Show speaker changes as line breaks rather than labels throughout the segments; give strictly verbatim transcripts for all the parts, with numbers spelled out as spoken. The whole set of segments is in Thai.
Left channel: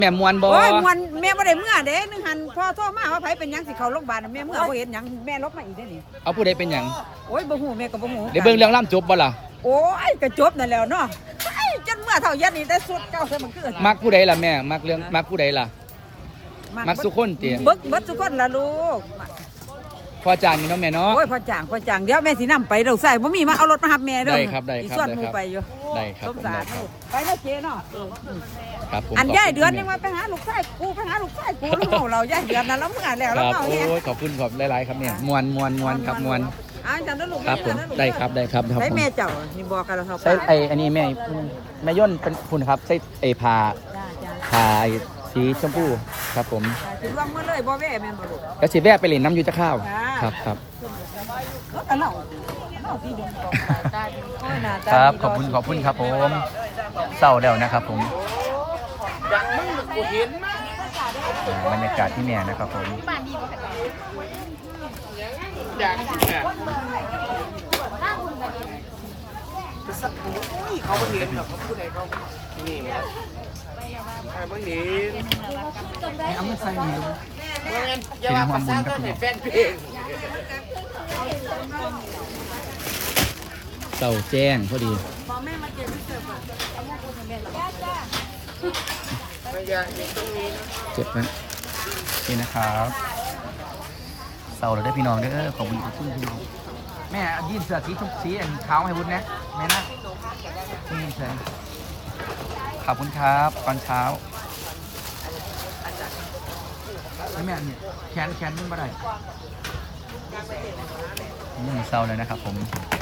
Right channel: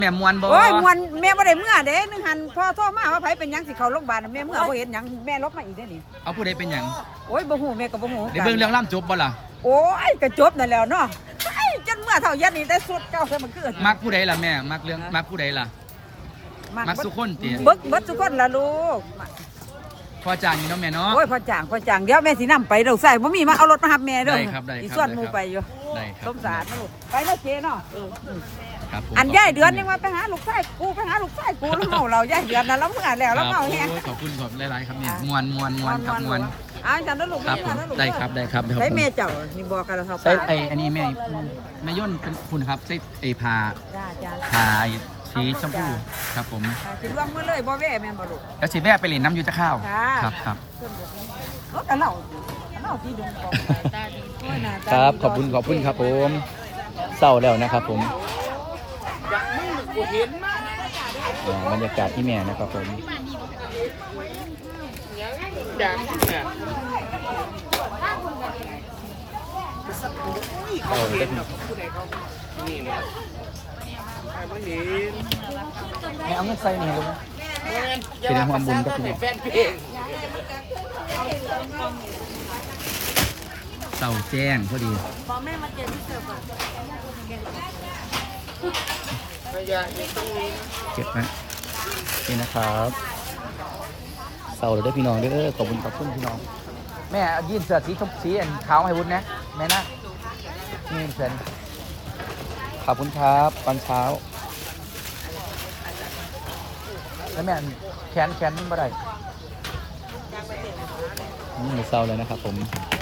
แม่มวนบ่
โอ้ยมวนแม่บ่ได้เมื่อเด้นึงหันพ่อโทรมาว่าไผเป็นหยังสิเข้าโรงพยาบาลแม่เมื่อบ่เห็นหยังแม่ลบมาอีกได้นี่
เอาผู้ใดเป็นหยัง
โอ้ยบ่ฮู้แม่ก็บ่ฮู้
เดี๋ยวเบิ่งเรื่องล่ำจบบ่ล่ะ
โอ้ยก็จบนั่นแล้วเนาะจนเมื่อเท่ายันนี่แต่สุดเจ้าเธอมันคือ
มักผู้ใดล่ะแม่มักเรื่องมักผู้ใดล่ะมักสุคนติ
เบิกเบิดสุคนล่ะลูก
พอจางนี่เนาะแม่เนาะ
โอ้ยพอจางพอจางเดี๋ยวแม่สินำไปเราใส่บ่มีมาเอารถมารับแม่เด้อ
ได้ครับได้ครับ
ส่วนหมู่ไปอยู่
ได้ครับ
สมสารลูกไปแล้วเจ๊เนาะ
ครับผม
อันยายเดือนยังว่าไปหาลูกชายกูไปหาลูกชายกูแล้วเมาเรายายเดือนน่ะเราเมื่อแล้วเราเมาแฮง
โอ้ยขอบคุณขอบหลายๆครับเนี่ยมวนมวนมวนครับมวน
อ้าวจังนั้นลูก
ครับผมได้ครับได้ครับ
ใส่แม่เจ้านี่บอกกันแล้วครับ
ใส่ไอ้อันนี้แม่แม่ย่นเป็นคุณครับใส่ไอ้ผ้า
จ้าจ้า
ผ้าสีชมพูครับผม
สิวางเมื่อเลยบ่แว่แม่นบ่ลูก
ก็สิแวะไปเล่นน้ำอยู่จะข้าวครับครับ
โอ้แต่เราเราที่ดงกองตาดีโอ้ยหน้าตาดี
ขอบคุณขอบคุณครับผมเศร้าแล้วนะครับผม
อยากมึงกูเห็นมาก
บรรยากาศที่แม่นะครับผม
อยากเนี่ยเขาไม่เห็นหรอกผู้ใดเขานี่มาใครไม่เห็น
เอาไม่ใส่หนึ่งเลย
อย่ามาภาษาต้นในแฟนเพลง
เศร้าแจ้งพอดี
บอกแม่มาเจอที่เกิดก่อน
เก็บนะนี่นะครับเศร้าเลยได้พี่น้องเด้อขอบคุณขอบคุณพี่น้องแม่ยื่นเสื้อสีชมพูสีอันขาวให้วุ้นนะแม่นะนี่เชิญขอบคุณครับตอนเช้าแล้วแม่แขนแขนมันบ่ได้นี่เศร้าเลยนะครับผม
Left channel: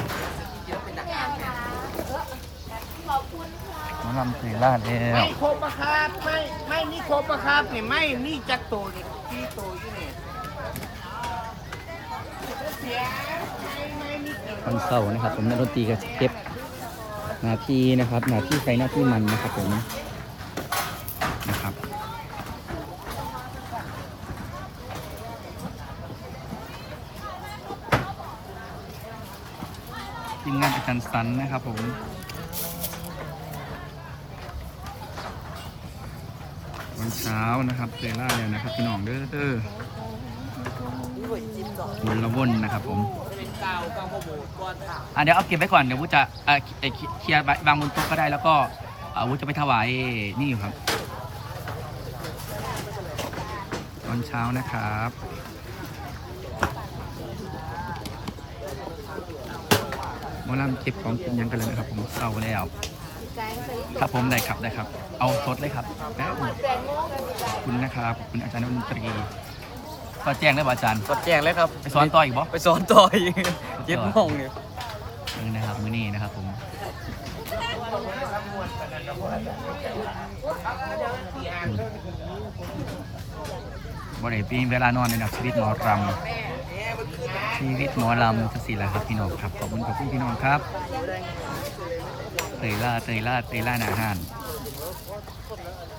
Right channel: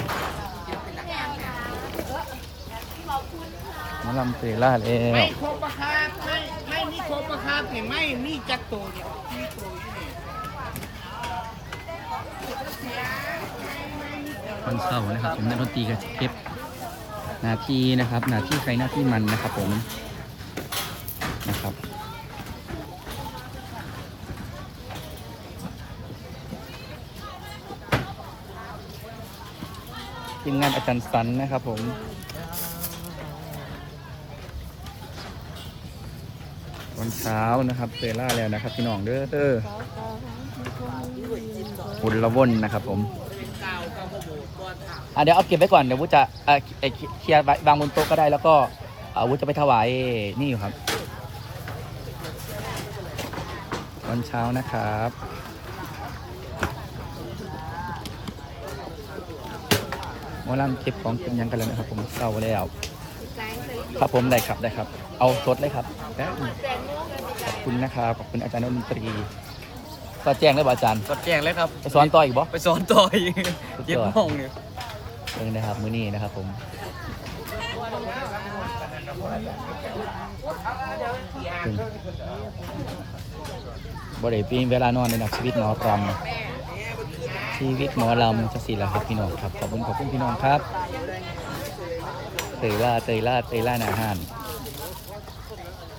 น้ำเตยล่าเลย
ไม่ครบอะครับไม่ไม่นี่ครบอะครับเนี่ยไม่นี่จักโตเนี่ยที่โตที่นี่
วันเสาร์นะครับผมนักดนตรีกับเก็บหน้าที่นะครับหน้าที่ใครหน้าที่มันนะครับผมนะครับทีมงานอาจารย์สันนะครับผมวันเช้านะครับเซล่าแล้วนะครับพี่น้องเด้อเด้อวนละวนนะครับผมอ่ะเดี๋ยวเอาเก็บไว้ก่อนเดี๋ยววุฒิจะอ่ะเคลียร์วางบนโต๊ะก็ได้แล้วก็วุฒิจะไปถวายนี่อยู่ครับวันเช้านะครับมาล่ำเก็บของเก็บยังกันเลยนะครับผมเข้าแล้วครับผมได้ครับได้ครับเอาสดเลยครับขอบคุณนะครับขอบคุณอาจารย์ดนตรีสอดแจ้งได้ป่ะอาจารย์
สอดแจ้งเลยครับ
ไปสอนต่ออีกบ่
ไปสอนต่ออีกเย็บห้องเนี่ย
นี่นะครับมื้อนี้นะครับผมบริปีเวลานอนในหนักชีวิตหมอรำชีวิตหมอรำสักสี่ละครับพี่น้องครับขอบคุณขอบคุณพี่น้องครับเตยล่าเตยล่าเตยล่าหนาหาน